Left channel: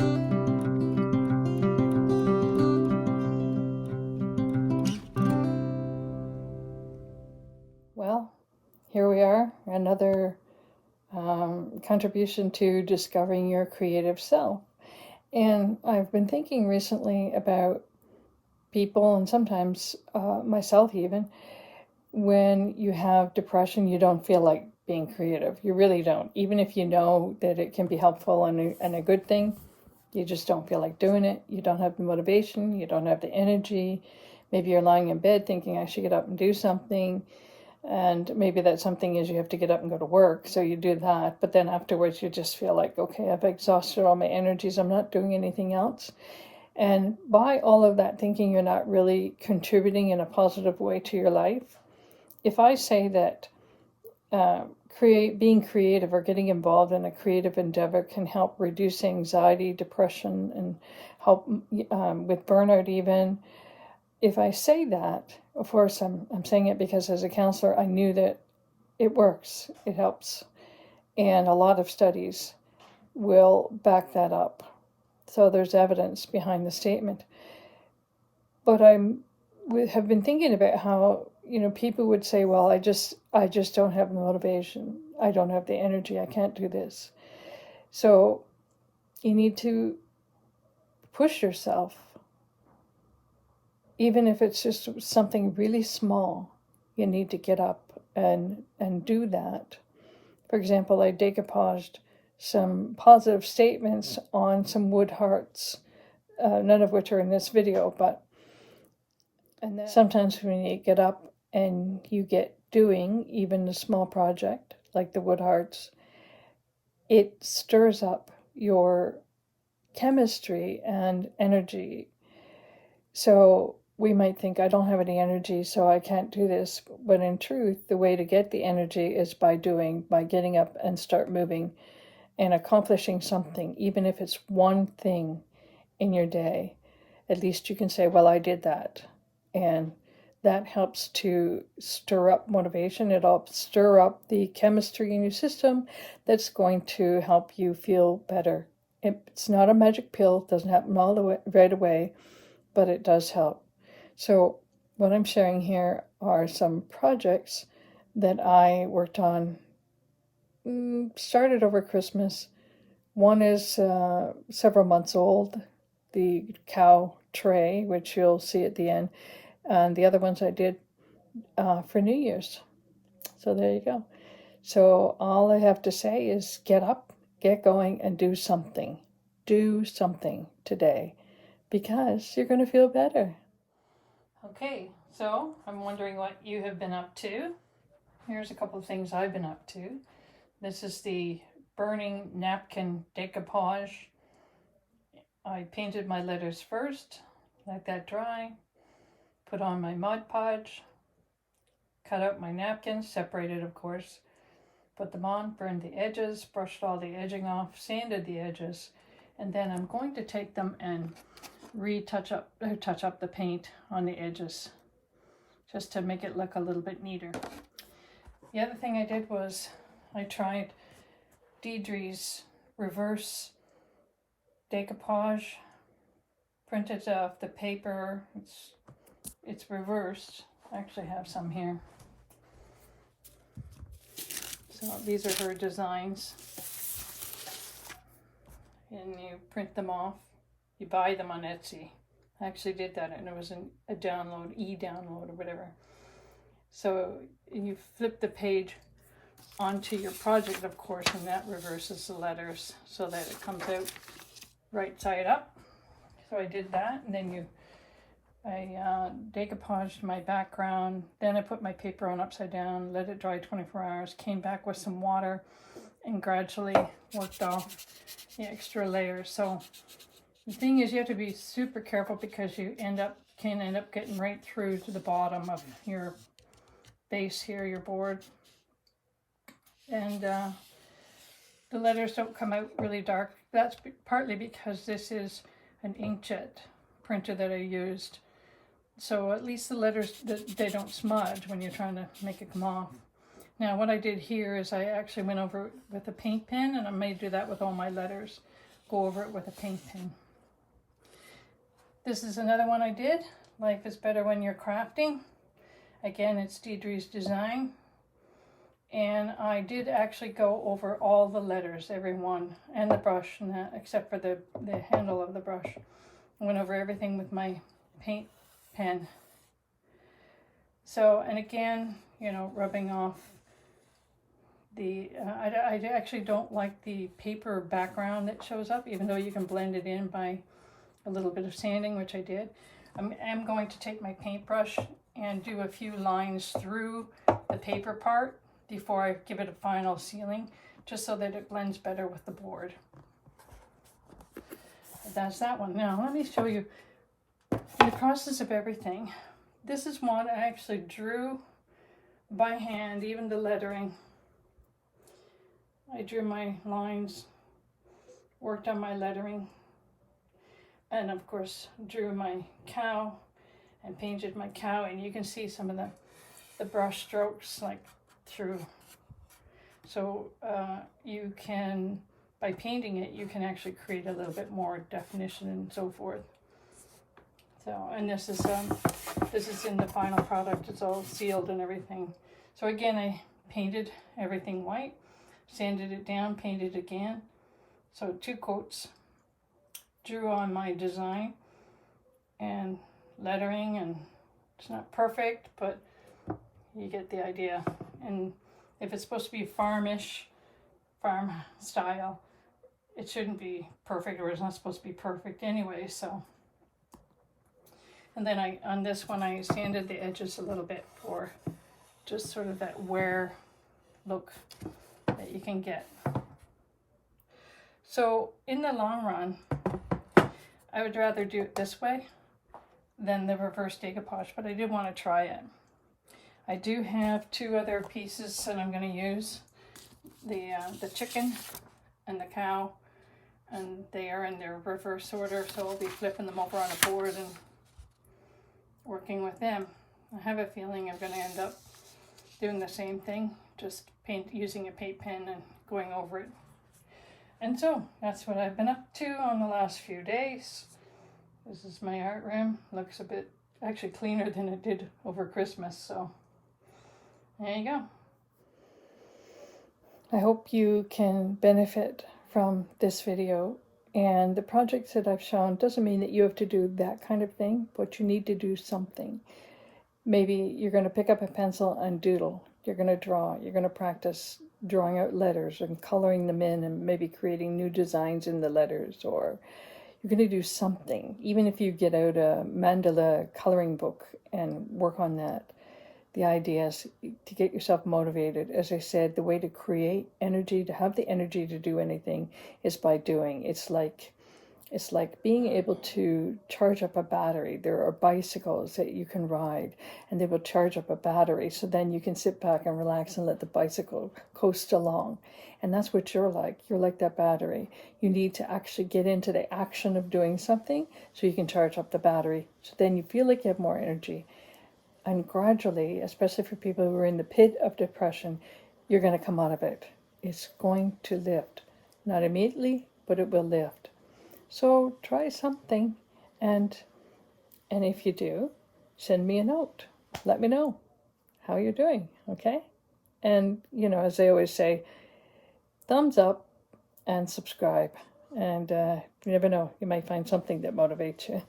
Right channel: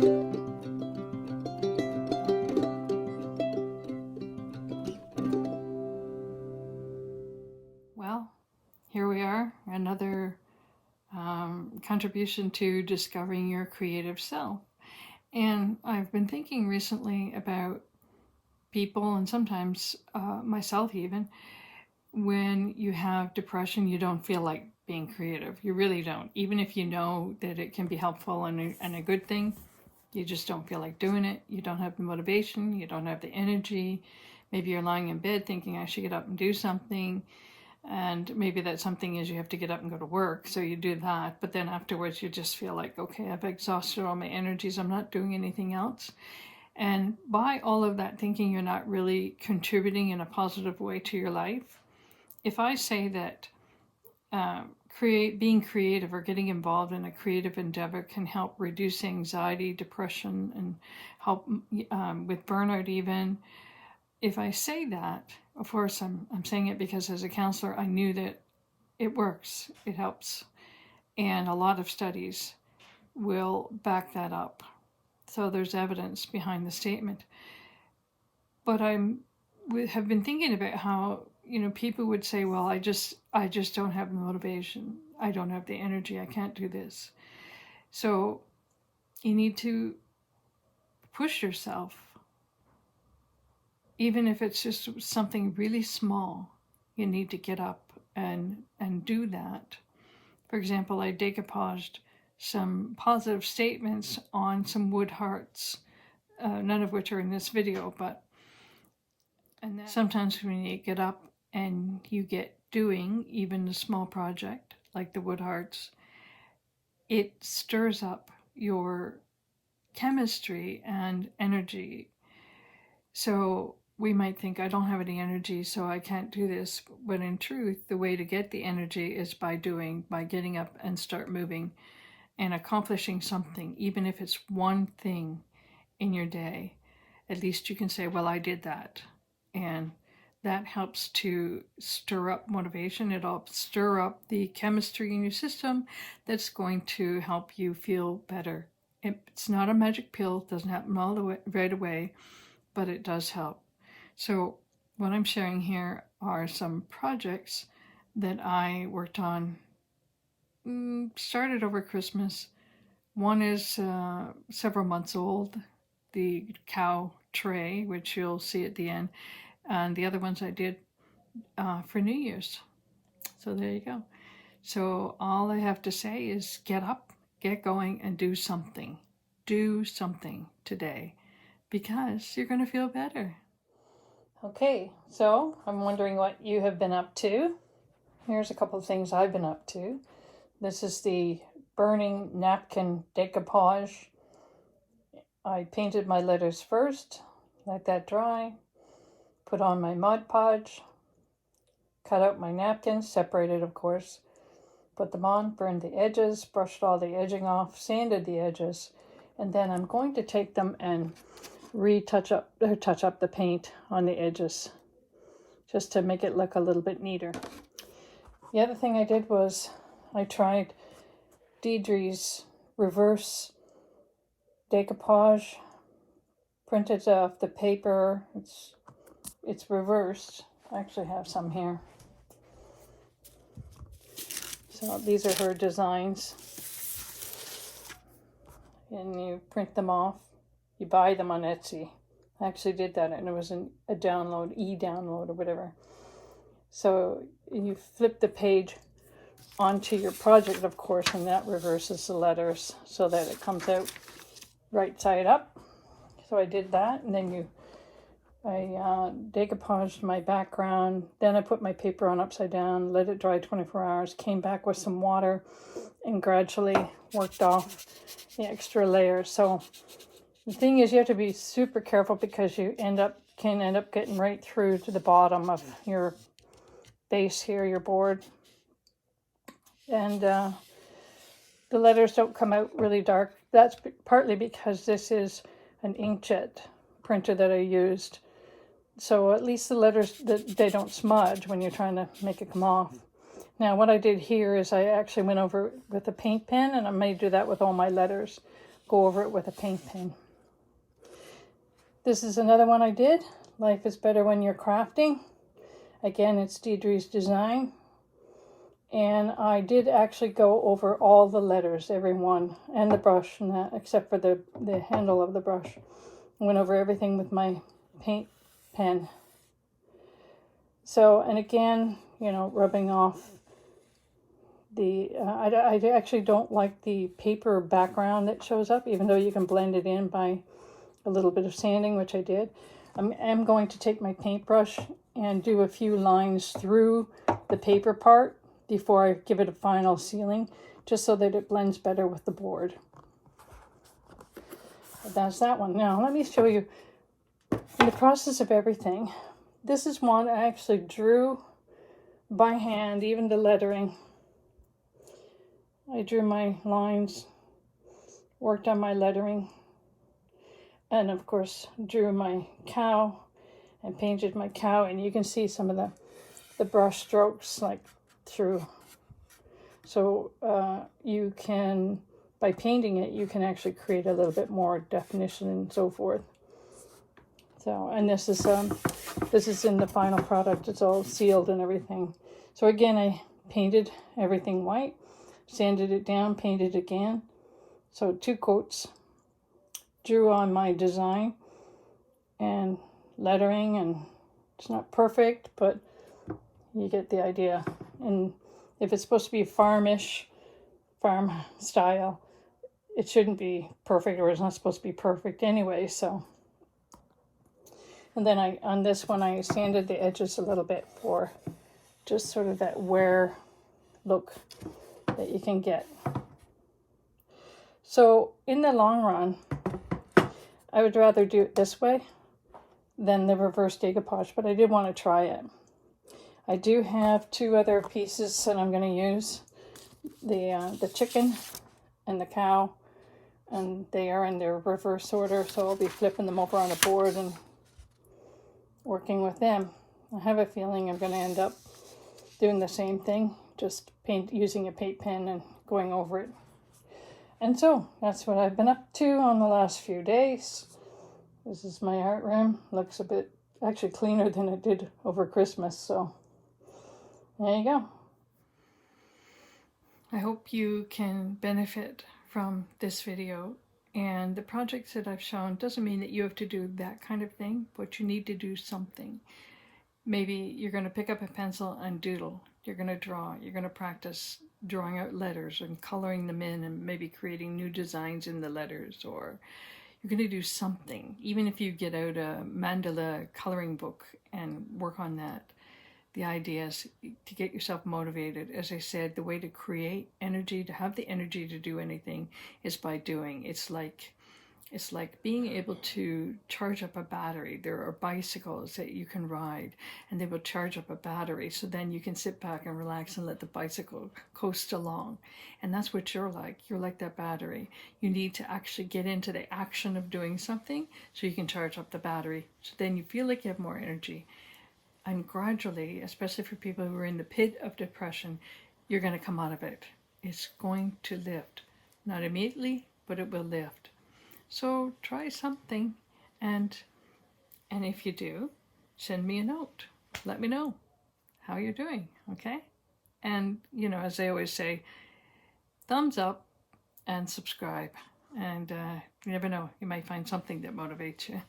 Well, here we are, another contribution to discovering your creative self. And I've been thinking recently about people, and sometimes myself even, when you have depression, you don't feel like being creative. You really don't. Even if you know that it can be helpful and a good thing, you just don't feel like doing it. You don't have the motivation. You don't have the energy. Maybe you're lying in bed thinking, I should get up and do something. And maybe that something is you have to get up and go to work. So you do that. But then afterwards, you just feel like, okay, I've exhausted all my energies. I'm not doing anything else. And by all of that thinking, you're not really contributing in a positive way to your life. If I say that being creative or getting involved in a creative endeavor can help reduce anxiety, depression, and help with burnout even. If I say that, of course, I'm saying it because as a counselor, I knew that it works, it helps. And a lot of studies will back that up. So there's evidence behind the statement. But have been thinking about how, people would say, well, I just don't have the motivation. I don't have the energy. I can't do this. So you need to push yourself. Even if it's just something really small, you need to get up and do that. For example, I decoupaged some positive statements on some wood hearts, none of which are in this video, and then sometimes when you get up and you get doing even a small project like the wood hearts, it stirs up your chemistry and energy. So we might think, I don't have any energy, so I can't do this. But in truth, the way to get the energy is by getting up and start moving and accomplishing something, even if it's one thing in your day. At least you can say, well, I did that. And that helps to stir up motivation. It helps stir up the chemistry in your system that's going to help you feel better. It's not a magic pill. It doesn't happen all the way right away, but it does help. So what I'm sharing here are some projects that I worked on, started over Christmas. One is several months old, the cow tray, which you'll see at the end. And the other ones I did for New Year's. So there you go. So all I have to say is get up, get going, and do something. Do something today because you're going to feel better. Okay, so I'm wondering what you have been up to. Here's a couple of things I've been up to. This is the burning napkin decoupage. I painted my letters first, let that dry. Put on my Mod Podge, cut out my napkins, separated of course, put them on, burned the edges, brushed all the edging off, sanded the edges, and then I'm going to take them and touch up the paint on the edges just to make it look a little bit neater. The other thing I did was I tried Deidre's reverse decoupage, printed off the paper. It's reversed. I actually have some here. So these are her designs. And you print them off. You buy them on Etsy. I actually did that and it was a download, e-download or whatever. So you flip the page onto your project, of course, and that reverses the letters so that it comes out right side up. So I did that, and then I decoupaged my background. Then I put my paper on upside down, let it dry 24 hours, came back with some water, and gradually worked off the extra layers. So the thing is, you have to be super careful because you can end up getting right through to the bottom of your base here, your board. And the letters don't come out really dark. That's partly because this is an inkjet printer that I used. So at least the letters, they don't smudge when you're trying to make it come off. Now what I did here is I actually went over with a paint pen, and I'm going to do that with all my letters. go over it with a paint pen. This is another one I did. Life is better when you're crafting. Again, it's Deidre's design. And I did actually go over all the letters, every one, and the brush and that, except for the handle of the brush. I went over everything with my paint pen. So, and again, you know, rubbing off the, I actually don't like the paper background that shows up, even though you can blend it in by a little bit of sanding, which I did. I'm going to take my paintbrush and do a few lines through the paper part before I give it a final sealing, just so that it blends better with the board. But that's that one. Now, let me show you in the process of everything. This is one I actually drew by hand, even the lettering. I drew my lines, worked on my lettering, and of course drew my cow and painted my cow, and you can see some of the brush strokes like through. So you can, by painting it, you can actually create a little bit more definition and so forth. So, and this is in the final product. It's all sealed and everything. So again, I painted everything white, sanded it down, painted again. So 2 coats. Drew on my design and lettering, and it's not perfect, but you get the idea. And if it's supposed to be farmish, farm style, it shouldn't be perfect, or it's not supposed to be perfect anyway. So, and then on this one, I sanded the edges a little bit for just sort of that wear look that you can get. So in the long run, I would rather do it this way than the reverse decoupage, but I did want to try it. I do have 2 other pieces that I'm going to use. The chicken and the cow, and they are in their reverse order, so I'll be flipping them over on a board and working with them. I have a feeling I'm going to end up doing the same thing, just using a paint pen and going over it. And so that's what I've been up to on the last few days. This is my art room. Looks a bit actually cleaner than it did over Christmas. So there you go. I hope you can benefit from this video. And the projects that I've shown doesn't mean that you have to do that kind of thing, but you need to do something. Maybe you're going to pick up a pencil and doodle. You're going to draw. You're going to practice drawing out letters and coloring them in and maybe creating new designs in the letters, or you're going to do something. Even if you get out a mandala coloring book and work on that, the idea is to get yourself motivated. As I said, the way to create energy, to have the energy to do anything, is by doing. It's like being able to charge up a battery. There are bicycles that you can ride, and they will charge up a battery, so then you can sit back and relax and let the bicycle coast along. And that's what you're like. You're like that battery. You need to actually get into the action of doing something so you can charge up the battery, so then you feel like you have more energy. And gradually, especially for people who are in the pit of depression, you're going to come out of it. It's going to lift. Not immediately, but it will lift. So try something, and if you do, send me a note. Let me know how you're doing, okay? And, you know, as I always say, thumbs up and subscribe. And you never know, you might find something that motivates you.